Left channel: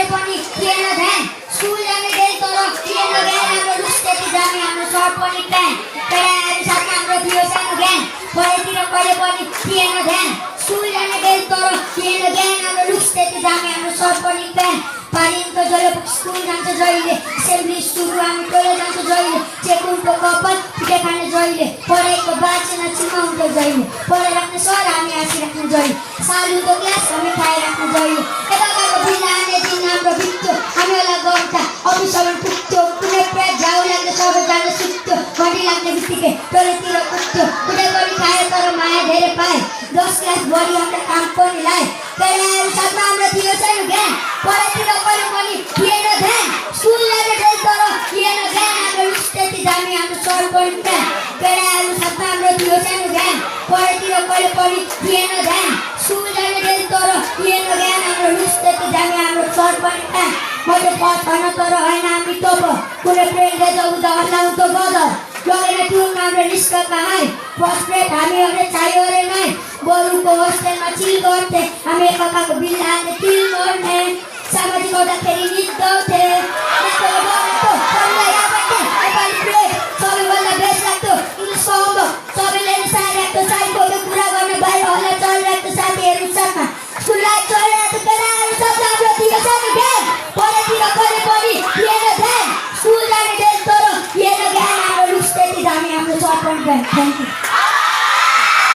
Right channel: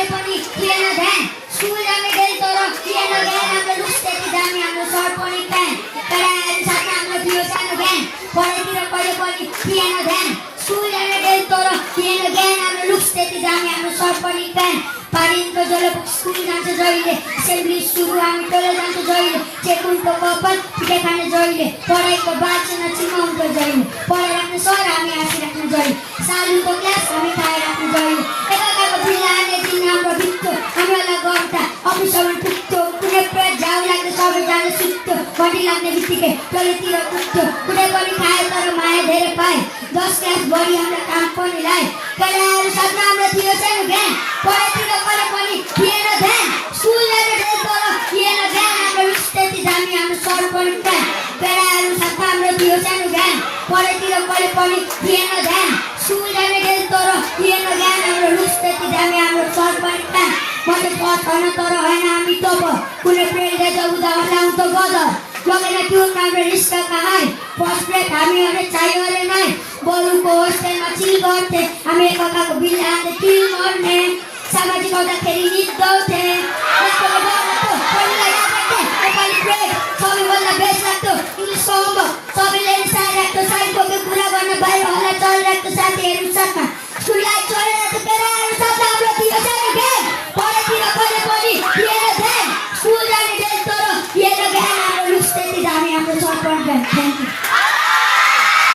करे पनि थिएन ध्यान स्कुल जाने गए तर थिएन ज्ञान हाम्रो रुस्टेती जाने हाम्रो सर पनि प्यान केटाहरू साथमा हाम्रो थियो सानो ज्ञान पढाइतिर करे पनि थिएन ध्यान स्कुल जाने गए तर थिएन ज्ञान हाम्रो रुस्टेती जाने हाम्रो सर पनि प्यान पानीको जल स्कुल जान्छ जहिले एसेम्ब्ली सुरु हामी टोले जान्छ जहिले चेकुनको कपाल पिठे खाने जहिले पढाइको बाँचेन चिमाउनको जहिले पढाइ राख्ने सर हामी हाँसिराख्ने जहिले सालुको क्लास हामी खाइराख्ने जहिले एकाको बिल्ला आने दिन हाम्रो बित्तो हामीलाई गर्दा अफिसमा पुग्थ्यो कुनै पेट झाउ लाग्ने सबैजना सुत्थ्यो घडी लाग्ने बित्तिकै टोलेतिर कुद्थ्यो कुनै पनि खायो तर माया धेरै पाए 10 क्लास बढी हाम्रो काम पनि लाए केटाहरू साथमा हाम्रो थियो सानो ज्ञान पढाइतिर करे पनि थिएन ध्यान स्कुल जाने गए तर थिएन ज्ञान हाम्रो रुस्टेती जाने हाम्रो सर पनि प्यान केटाहरू साथमा हाम्रो थियो सानो ज्ञान पढाइतिर करे पनि थिएन ध्यान स्कुल जाने गए तर थिएन ज्ञान हाम्रो रुस्टेती जाने हाम्रो सर पनि प्यान मैले पढ छैन तर होइन हामी तब कुनै प्रेमले त उदाहरण त गदर लगेर त्यो हाम्रो रिस्का कहाँ फर्स्ट ब्रेक हामीहरूले चाहियो अरे नै बरुको होस्टेलमा चिल गर्थे हामी एकअर्काको बिल हाल्ने तिल गर्ने सामाजिक हुँदाखेरि निद्दाउँथे